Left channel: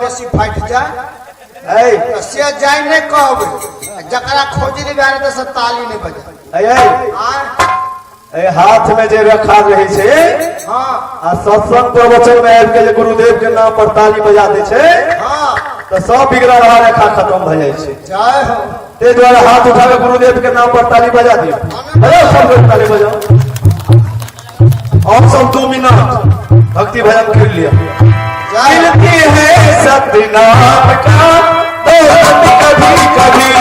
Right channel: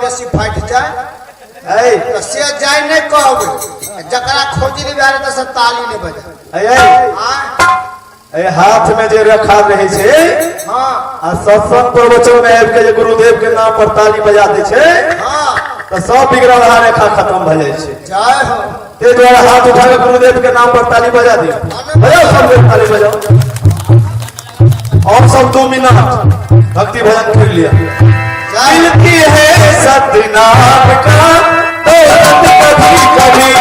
बेसी फाट जाए से जाए नहीं कहबे जकरा खोजली बारे तो से ताली नहीं बजा हाथ में जे रखा रहे छे हां आ सत्संग प्रवचन में आबि के जे गुरुदेव के नाम पर ताली बजा दे छे हां तो सब बिगड़ा रहा रेखा खत्म भ जाए छे। जय हो ते द्वारा हाथ उठा के गुरुदेव के नाम पर ताली बजा दियो। बजाओ सब लोग ताली बजाओ और सब 2 मिनट भक्ति भजन कर लिया। मिलती है सतनाम का दौलत कभी कभी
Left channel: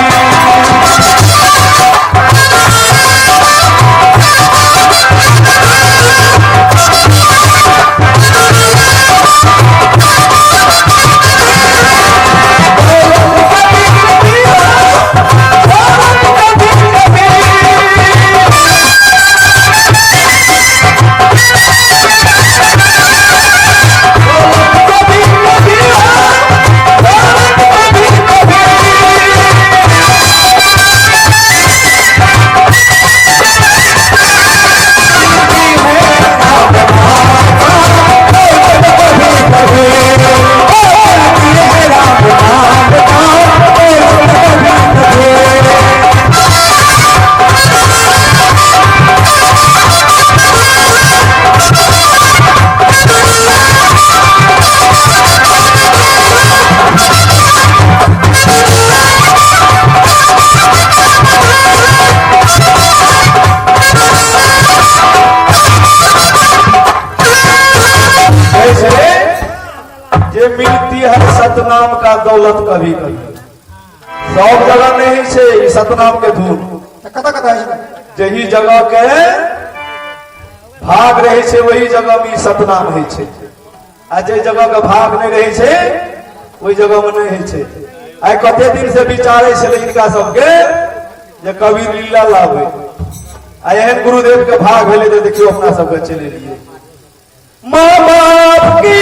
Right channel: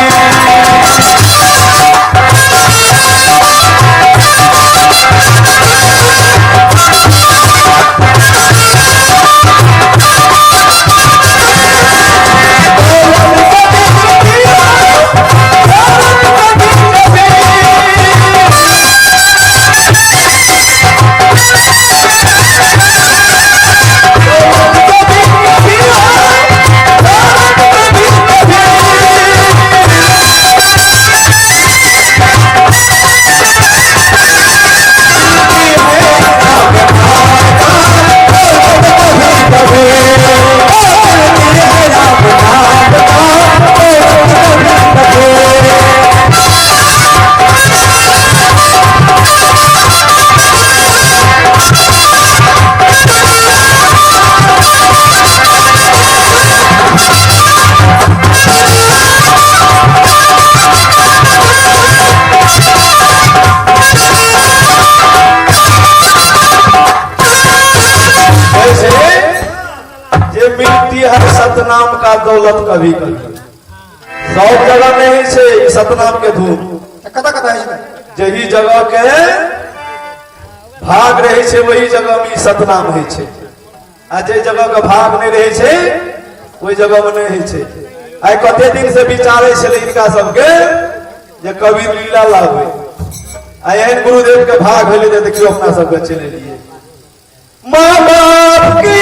सतनाम का दौलत कभी कभी सब जगह नहीं छे सतनाम के धूम कता कता है जही जगह के भाग रहे छे वही जगह में सतनाम है छे आ जे जगह का भाग नहीं रहे छे वही जगह में नहीं है छे। आई कते दिन से विचारे छे इनका सबके जे कवि लीला लावे आई एहन गुरुदेव के भाग भेले जे देखियो अपना सबके चले लिए मां बाप की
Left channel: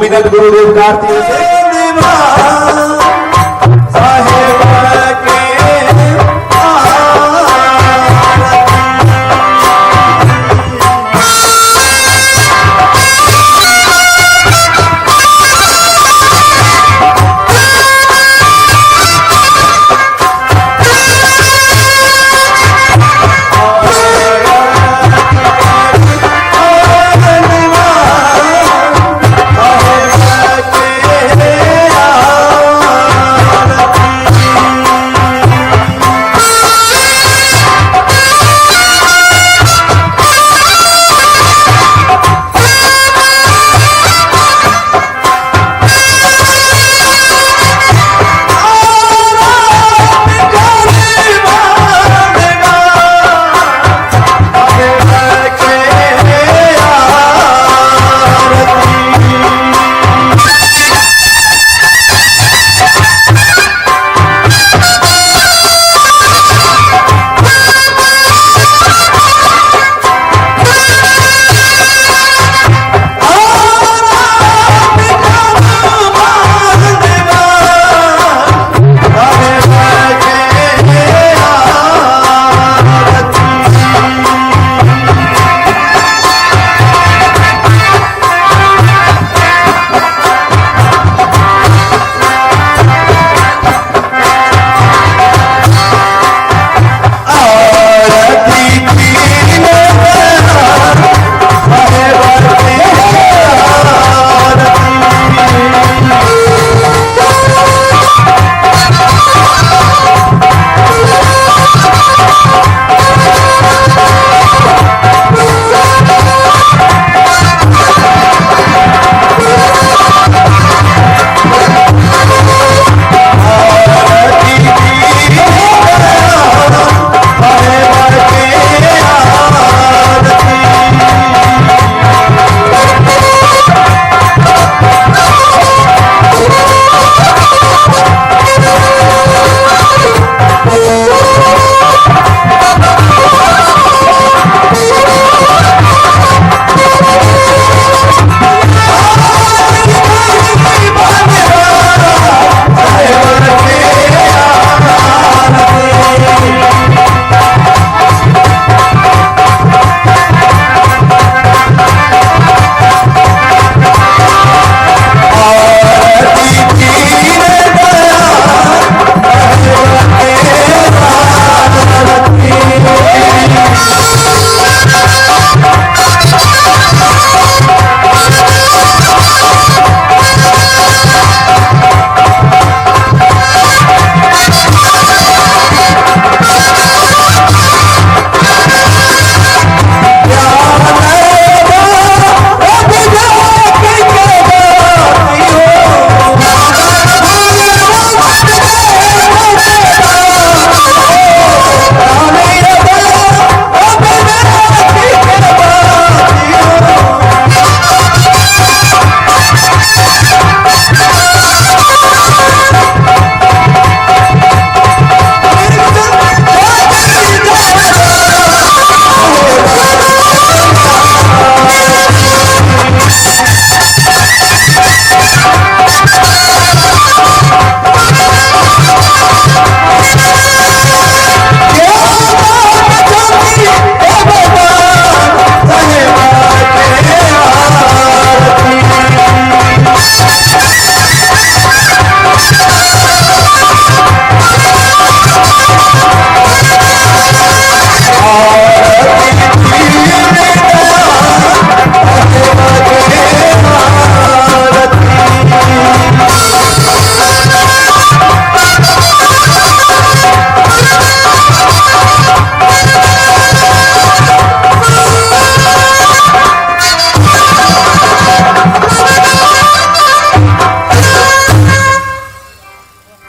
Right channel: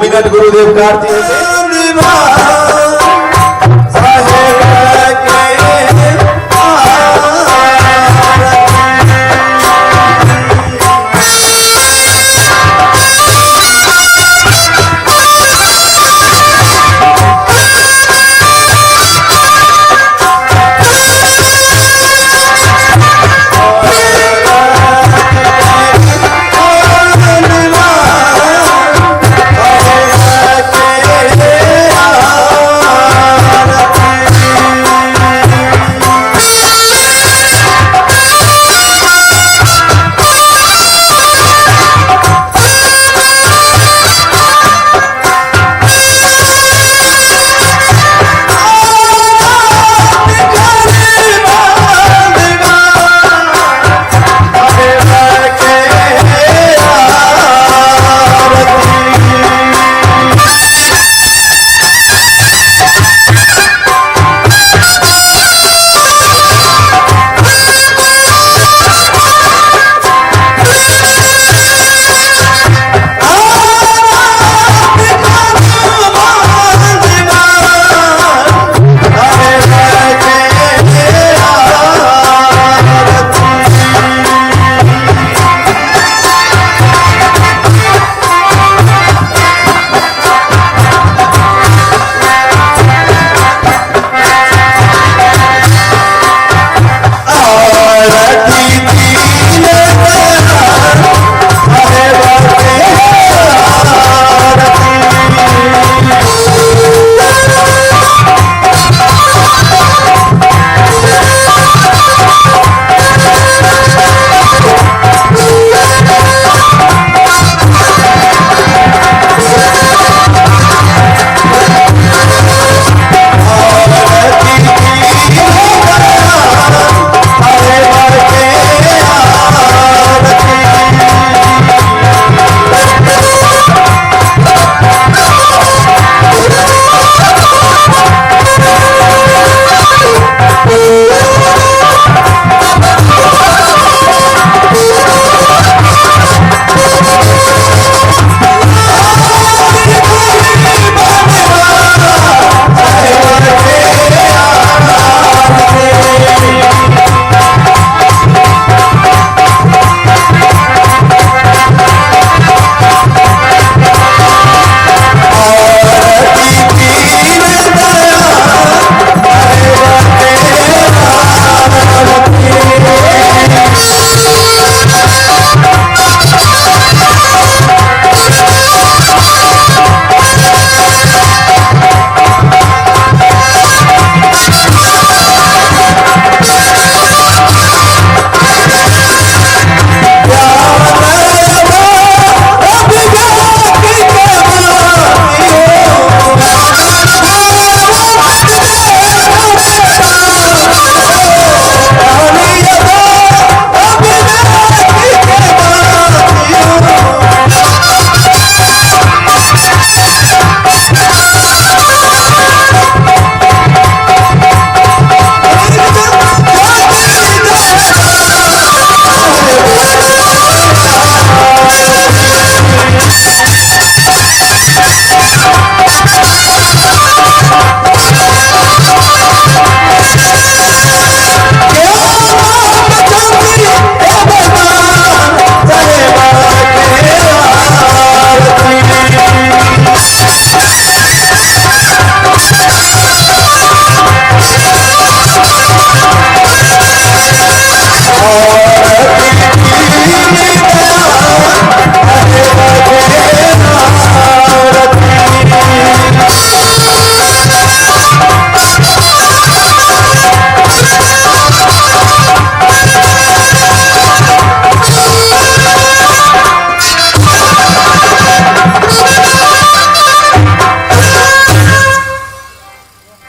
मिनट गुरुदेव कार्तिक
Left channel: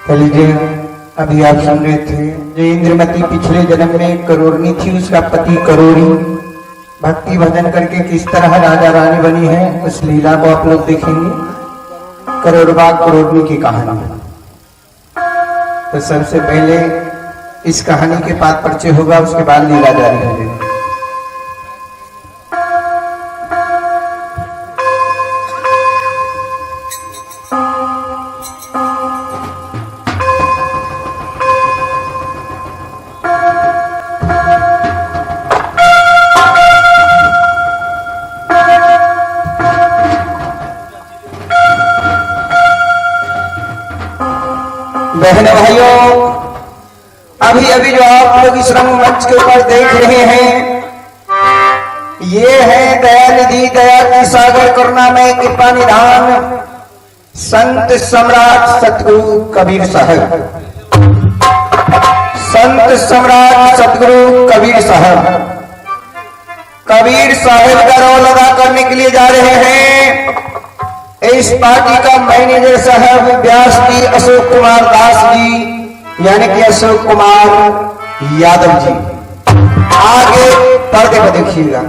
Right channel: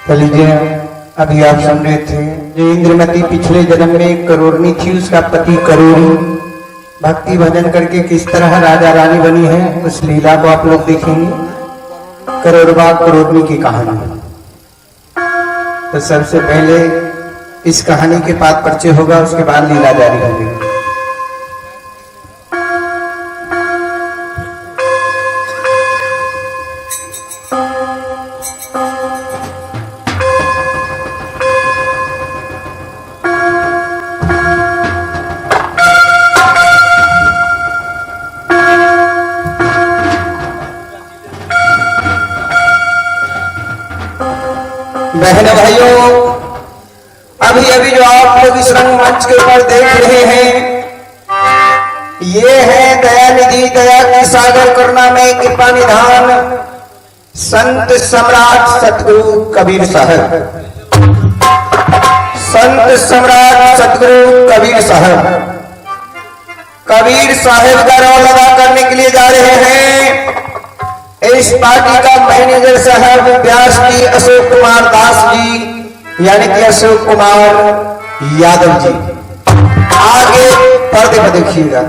तो लीजिए, अभी आप सुन रहे थे जो इंद्रमती पिछले जन्म में करोड़नी थी, उसका पति करोड़ी भक्ति भजन करके किस तरह राजा रानी बनी है, उस लीला को आप लोग देखेंगे। करोड़वा करोड़नी की कहानी। तो सबसे पहले इस कहानी के बाद परिचय होगा, उसके बाद लीला जारी होगी। बहनों भाइयों, अभी अभी जो आप लोग इस रंगमंच के ऊपर देख रहे हैं, ये है दया निधि, दया की सागर, करुणामय कृपा निधान संत सम्राट सतगुरु कबीर साहब। संत सम्राट सतगुरु कबीर साहब, कबीर साहब का रोल अदा करने के लिए जा रहे हैं इस पार्टी का मैनेजर साहब व्यास जी अशोक कुमार दास जी, यानी कि अशोक कुमार यादव जी। आगे पर्दे पर देखिएगा।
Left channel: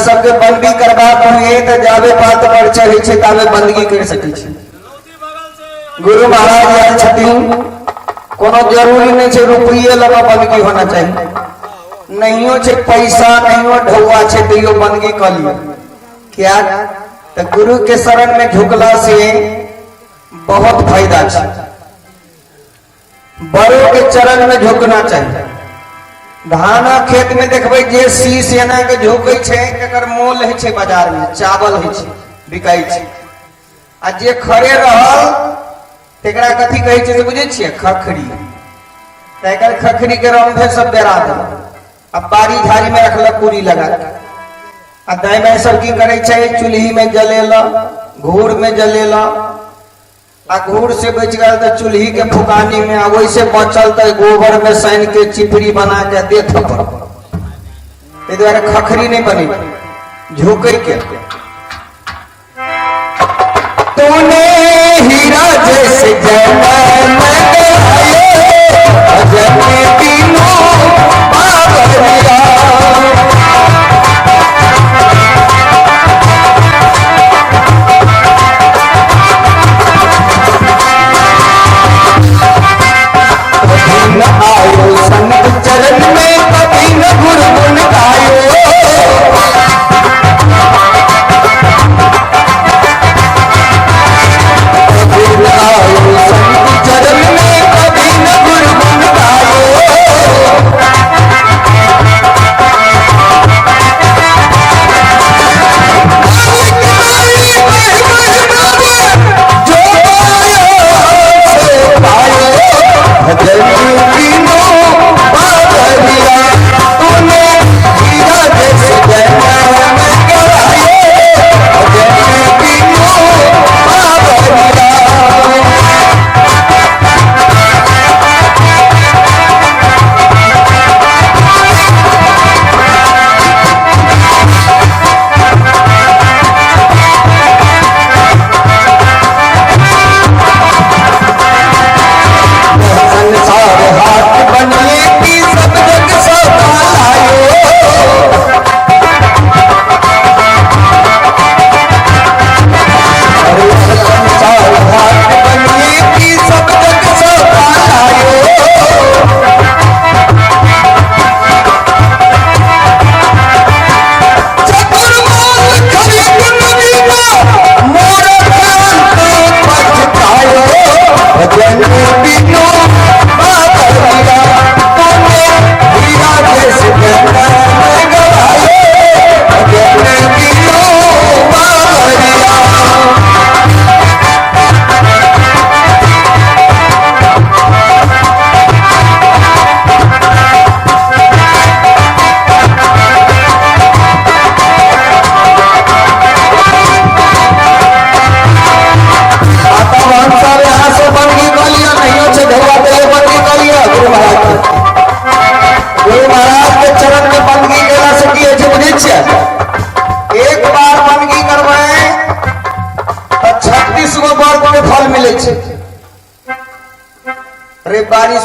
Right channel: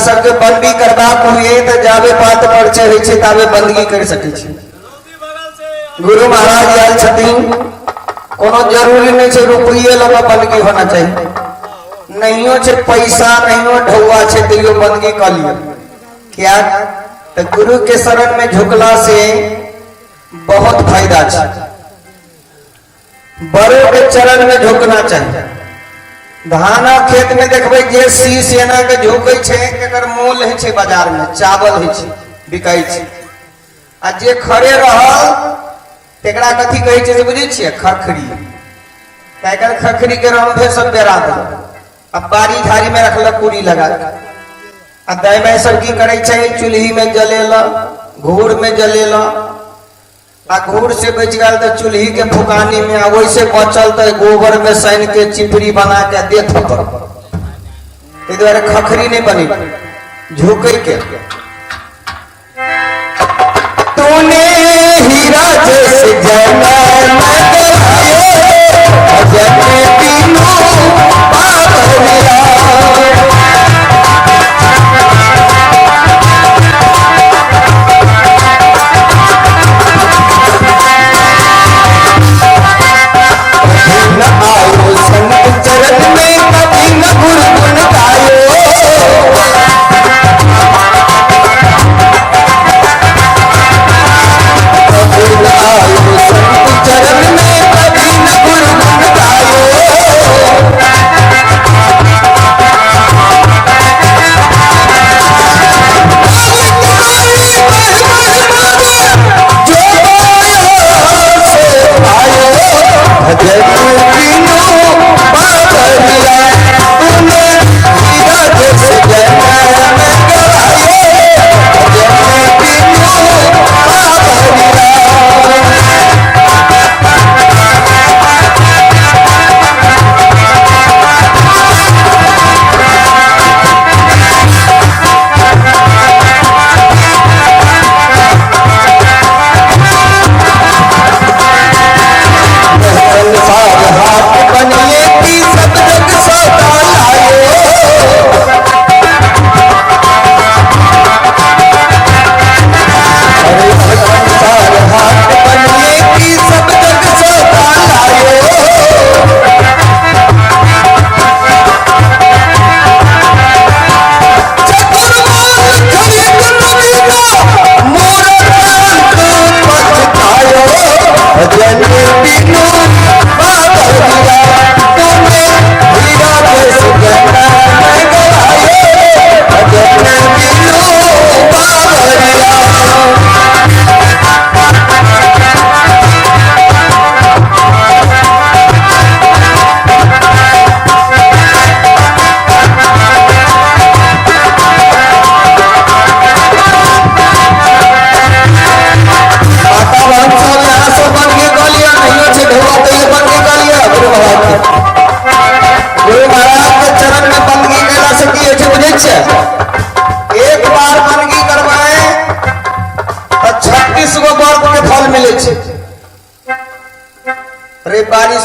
सबके बंदी करबा हुए तो जावे पात पर्चे होइ छै तावे बंदगी कर सकै छै। गुरु महाराज आयल छथिन, कोनो जरूरी नहीं छै रुपये लगा बंदगी होना चाहिए, नहियो छै पैसा, नहियो ढौआ छै तैयो बंदगी कर लियो। क्या तो गुरु के शरण में झुकला से बहुत फायदा छै। बड़ों के चरण में झुकना चाहिए। धाना खेत में देखबै जे सी सेना के झोकै छै, एकर मोल है छै बाजार में, चावल है छै, बिकाई छै। आ जे खड़े रहल तेकरा कथी कहै छै से बुझै छियै? खखरी। एकर खखरी के रंभे सब बेरा दे, अब बारी झाड़ी में रखलक पूरी लगा। आ दाई माई सब की करे छै? चूल्ही में जलेला, घूर में जलेला। आ घूर से बच गल तो चूल्ही के फुकानी में, वैसे बचल तो गोबर में सान के चिपरी बना के देत पर। द्वारा खखरी नहीं बनी, झुके के। तूने हीरा जैसे जन्म दिलाए, तीनों बाबरिया। आयो संत चरण में कभी न गुरगुन गायो, आयो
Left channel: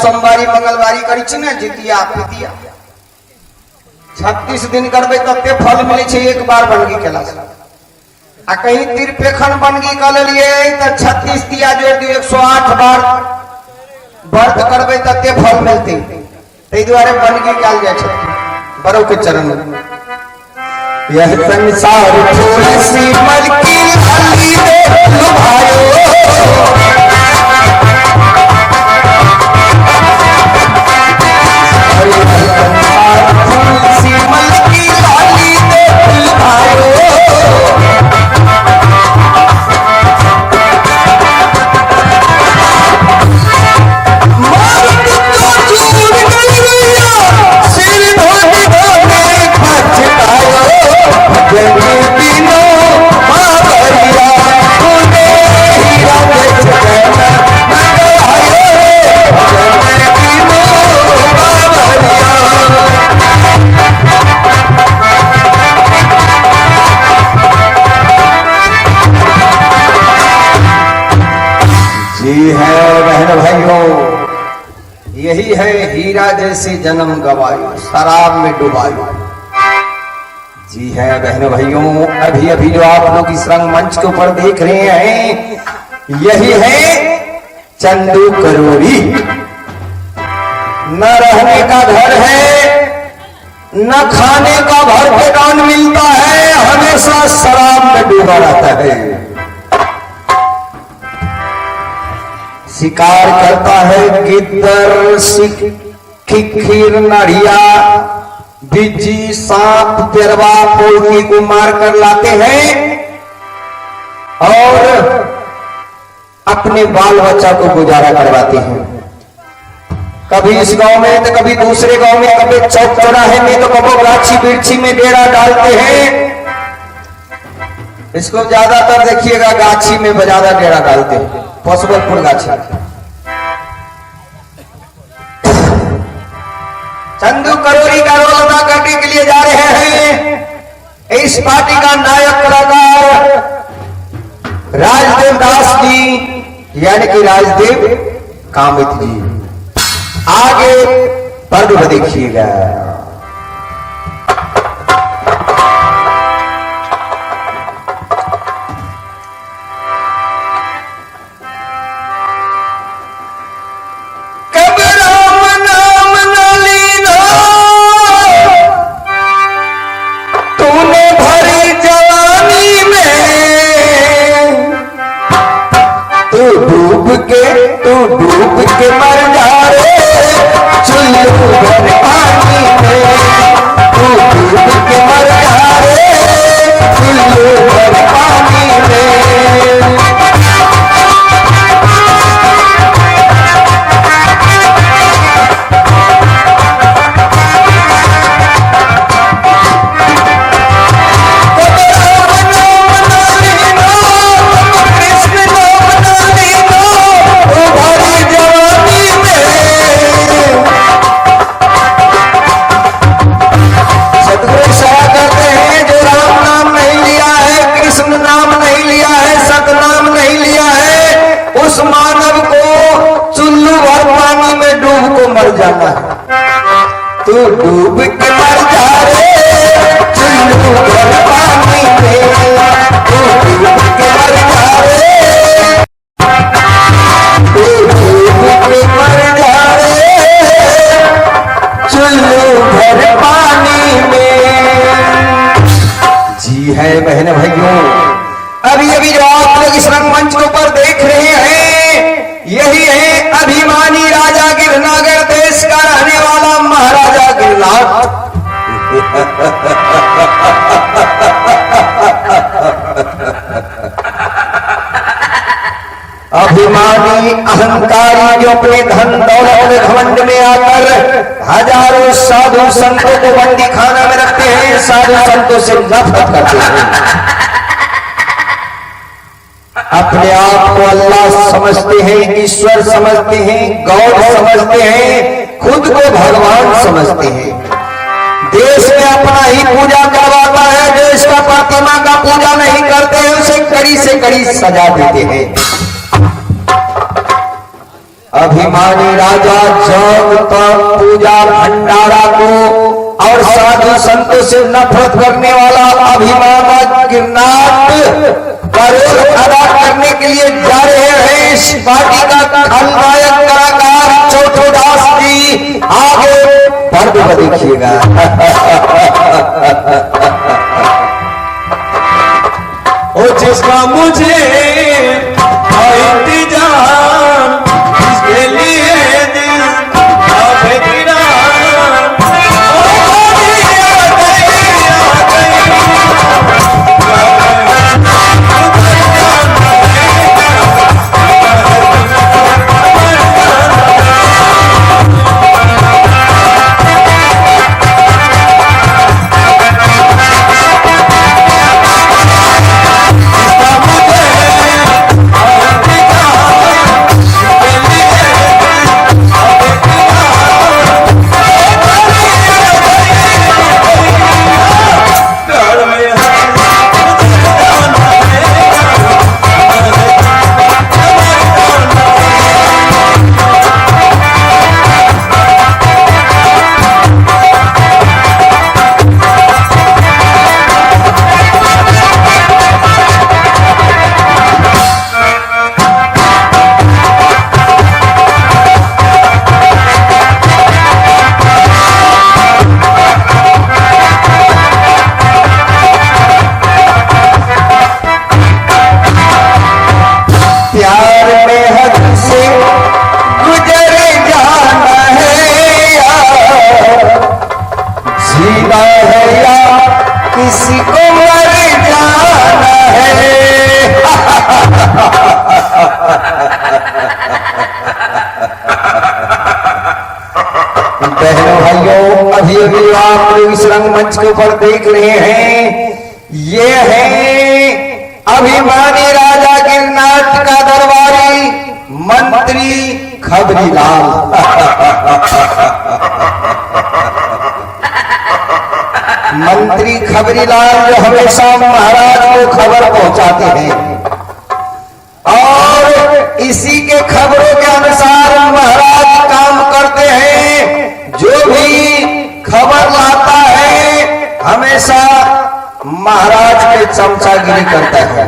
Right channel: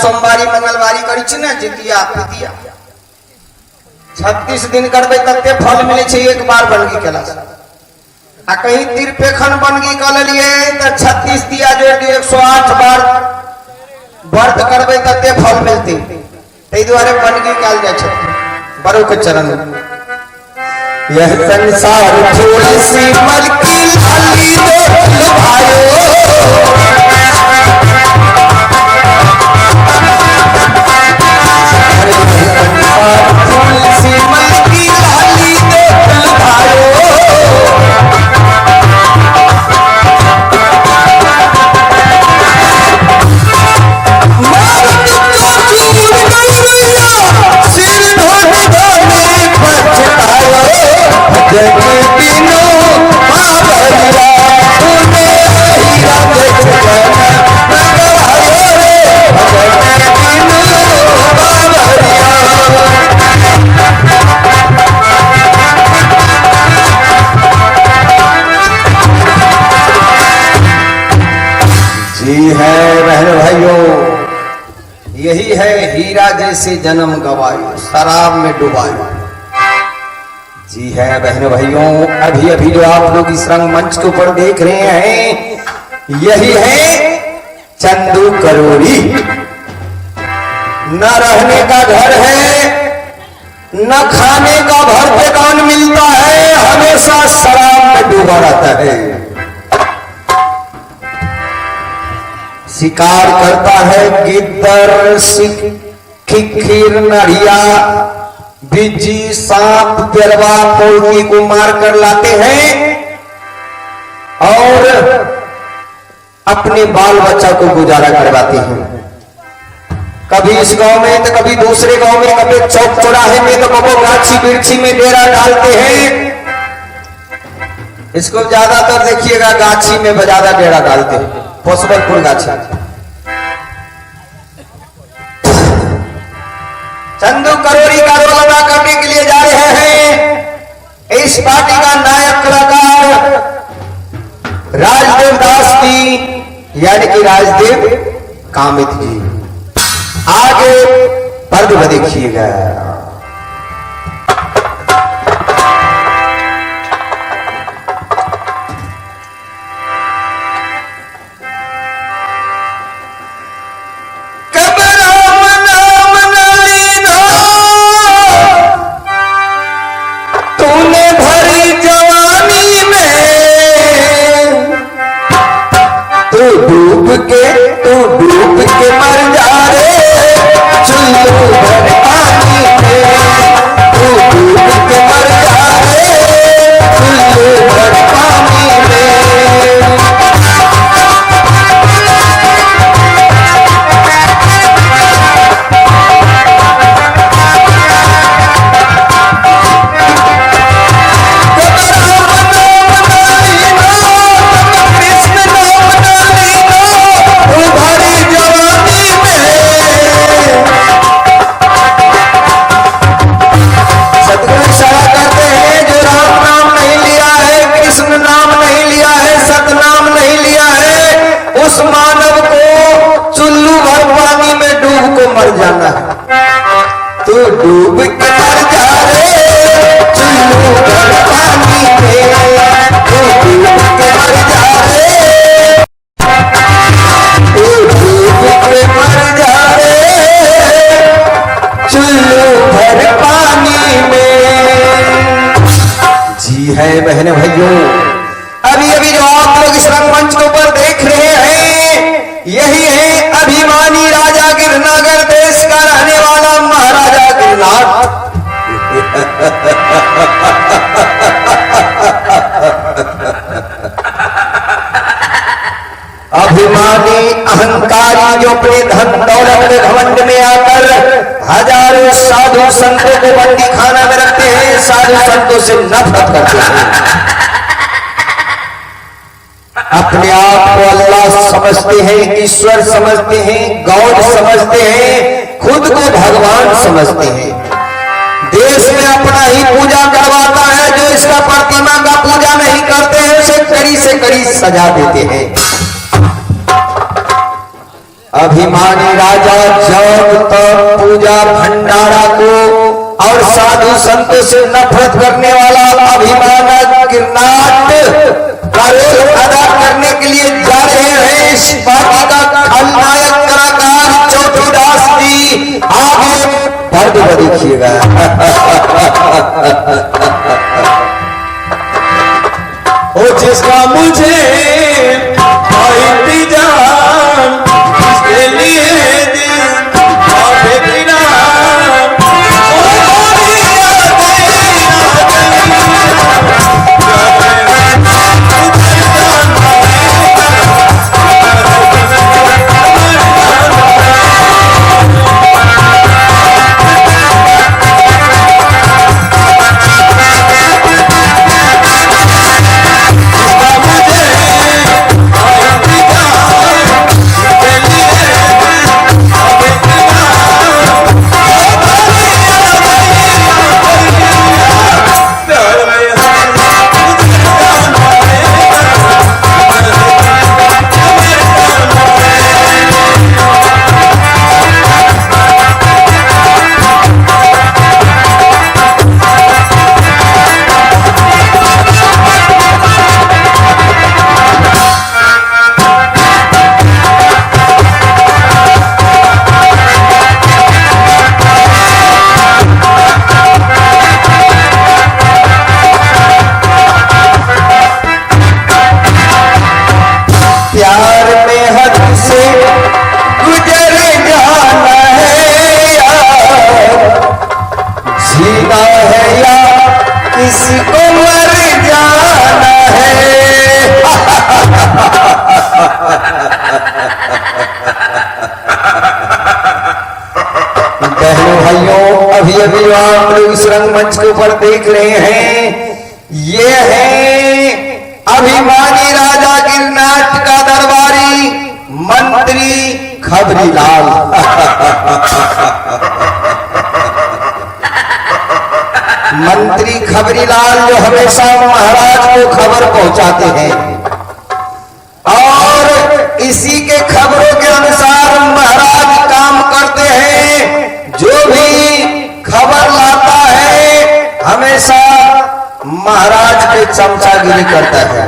सोमवारी मंगलवारी करी छी ना जितिया पितिया 36 दिन करबे तते फल मिले छे एक बार बनगी केला से आ कहीं तिरपेखन बनगी कर लेलिए तो 36 दिया जोड़ दिए 108 बार व्रत करबे तते फल मिलते तै द्वारे बनगी काल जाय छे बड़ो के चरण में यह संसार थोड़ी सी मलकी लाली दे लुभायो यही है हीरा जैसे जन्म गवायो शराब में डुबायो। जी है बहनों भाइयों, अभी अभी जो आप लोग इस रंगमंच के ऊपर देख रहे हैं यही है चंदू करोड़ी। न रहने का घर है न खाने का भर पेटान मिलता है, हमेशा शराब में डूबा रहता है। शिकार करता है गिद्दर खिखीर नढ़िया बिज्जी सांप पेरवा मुर्गी को मार कर लाते हैं और अपने बाल बच्चा को गुजारा करवाते हैं। कभी इस गांव में तो कभी दूसरे गांव में, कभी चौक चौराहे में तो कभी गाछी बिरछी में डेरा डालते हैं। इसको ज्यादातर देखिएगा गाछी में ज्यादा डेरा डालते हैं, पोसबलपुर गाछी। चंदू करोड़ी का रोल अदा करने के लिए जा रहे हैं इस पार्टी का नायक कलाकार राजदेव दास जी यानी कि राजदेव कामित जी। आगे पर्व देखिएगा। तू डूब के मर जा रे चुल्लू भर पानी में, तू डूब के मर जा रे चुल्लू भर पानी में। उस मानव को चुल्लू भर पानी में डूब को मर जाना है। तू डूब के मर जा रे चुल्लू भर पानी में, तू डूब के मर जा रे, तू डूब के मर जा रे चुल्लू भर पानी में। जी है बहन भाइयों, अभी अभी जो आप लोग इस रंगमंच के ऊपर देख रहे हैं यही है अभिमानी राजा गिरनागर देश का रहने वाला महाराजा गिरनार। अभिमानी अहंकारी जो अपने धन दौलत में घमंड में आकर हजारों साधु संतों को बंदी खाना में रखते हैं, साधु संतों से नफरत करते हैं। अपने आप को अल्लाह समझते हैं, ईश्वर समझते हैं, गॉड समझते हैं, खुद को भगवान समझते हैं। देश में अपना ही पूजा करवाता है, जो इसका प्रतिमा का पूजा नहीं करते हैं उसे कड़ी से कड़ी सजा देते हैं। अभिमानी राजा जब तक पूजा भंडारा को और साधु संतों से नफरत करने वाला अभिमान गिरनाट का रोल अदा करने के लिए जा रहे हैं इस पार्टी का खलनायक कलाकार चौथो दास जी। आगे पर्द को देखिएगा। ओ जिसका मुझे इंतजाम इसके लिए दिल काफी गिरा। प्यार में हद से गुजर जाना है या जीना है या किसी को मर जाना है। बहनों भाइयों, अभी अभी आप लोग इस रंगमंच के ऊपर देख रहे हैं, ये है अभिमानी राजा गिरनाट का दरबारी मंत्री खबरीलाल। मंत्री खबरीलाल जो हमेशा महाराज को खबर पहुंचाते हैं और इसी के खबरों के अनुसार महाराज काम करते हैं। जो भी खबर लाता है हमेशा महाराज के चमचागिरी करता है।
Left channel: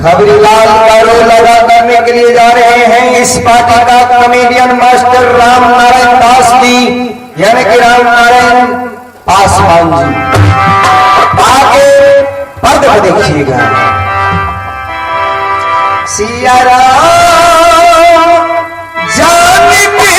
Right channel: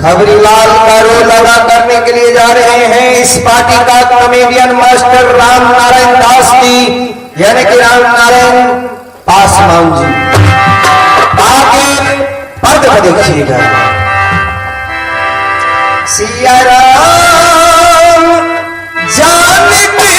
खबरीलाल का रोल अदा करने के लिए जा रहे हैं इस पार्टी का कॉमेडियन मास्टर राम नारायण दास जी, यानी कि राम नारायण पासवान जी। आगे पर्द को देखिएगा। सिया राम जानती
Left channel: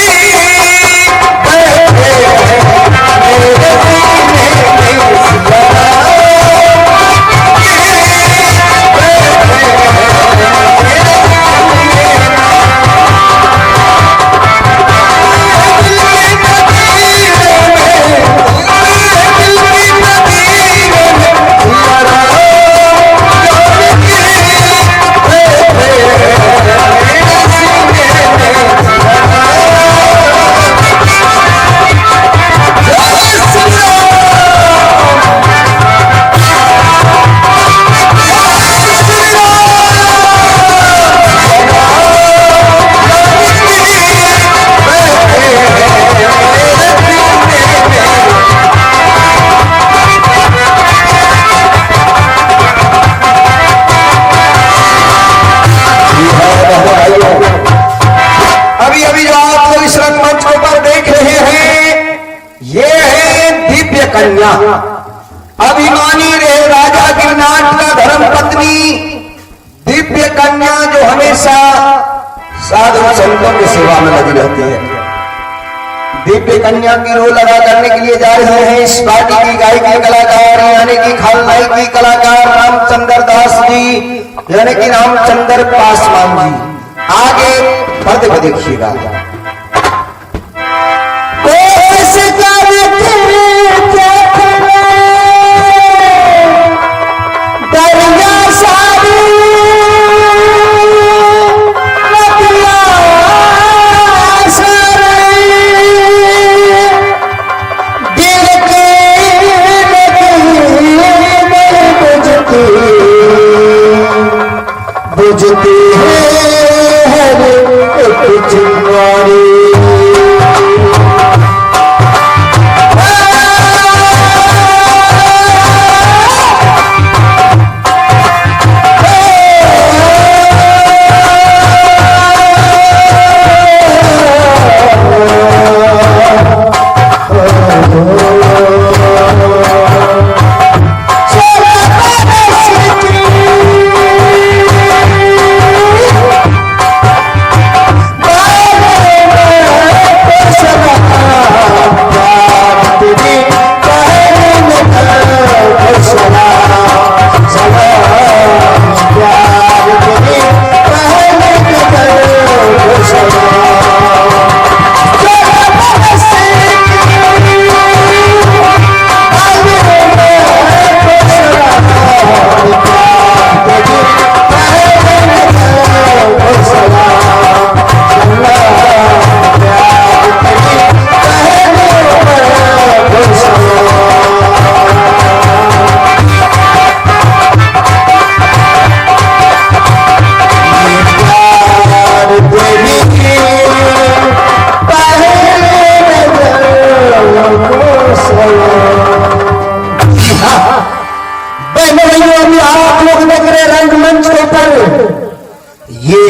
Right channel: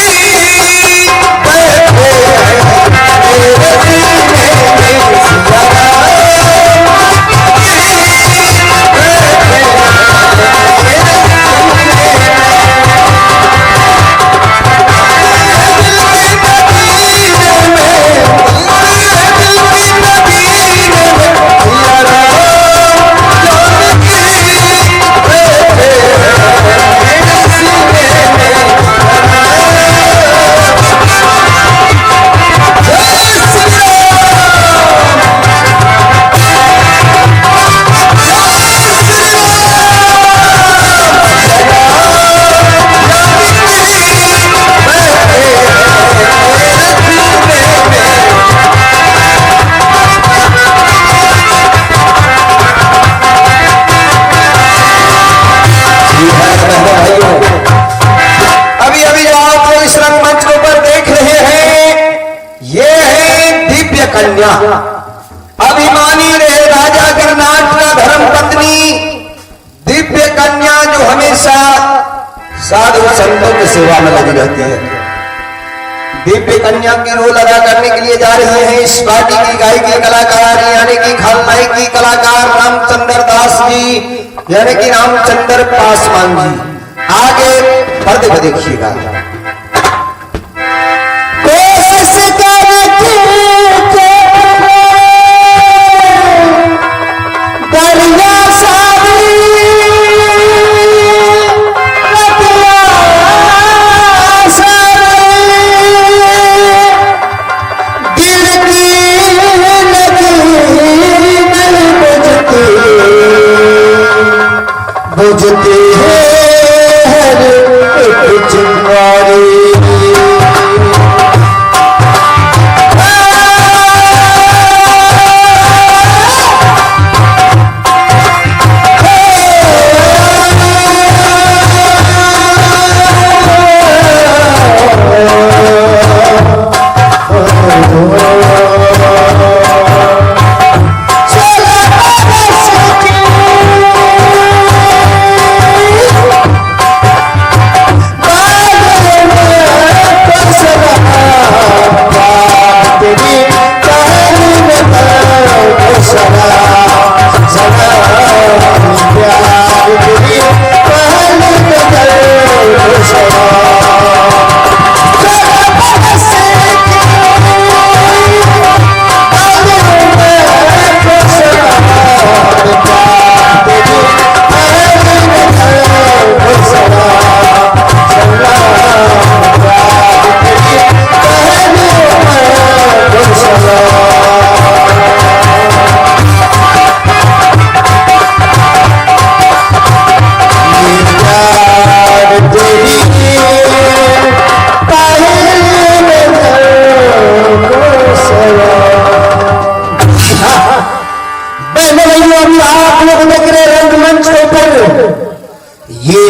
कन्या अभिमानी रहे राजा गिरनाट का धर्म पत्नी दिव्य कन्या जो हमेशा साधु संतों की सेवा में लगी रहती है। दिव्य कन्या की रोल अदा करने के लिए जा रहे हैं इस पार्टी की गायकी कलाकार यानी कि खलनायकी कलाकार रामचंद्र दास जी, यानी कि रामचंद्र पासवान जी। आगे पर्दे को देखिएगा। बुझते हैं सुंदर एक चिंगारी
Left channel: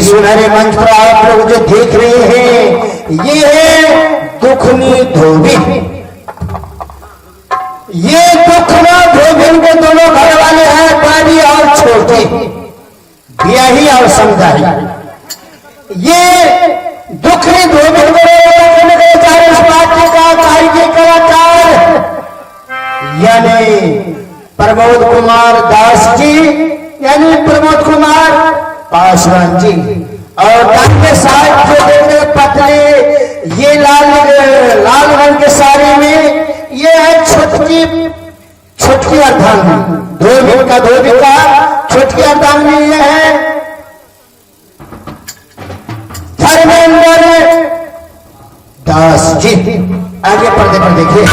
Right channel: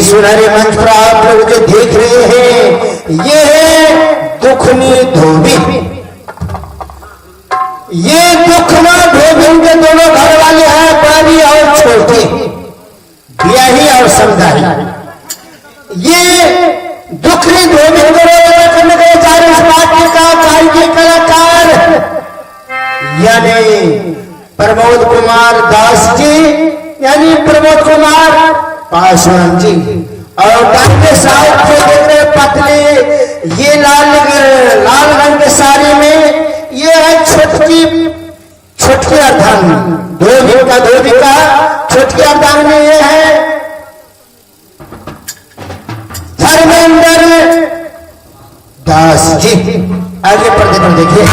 सुनहरे मंच पर आप लोग जो देख रहे हैं ये है दुखनी धोबी। ये दुखना धोबी के दोनों घर वाले हैं, बड़ी और छोटी, ब्याही और समझाई। ये दुखनी धोबी को चालीस पार्टी का कारीगर कलाकार यानी प्रमोद कुमार दास जी यानी प्रमोद कुमार पासवान जी और डांगे साहब जो देख रहे पतले ये लाल रंग के साड़ी में ये है छोटकी अर्धांगिनी धोबी का छोटकी अर्धांगिनी ये है धर्मेंद्र दास जी। आगे पर्दे पर देखिए।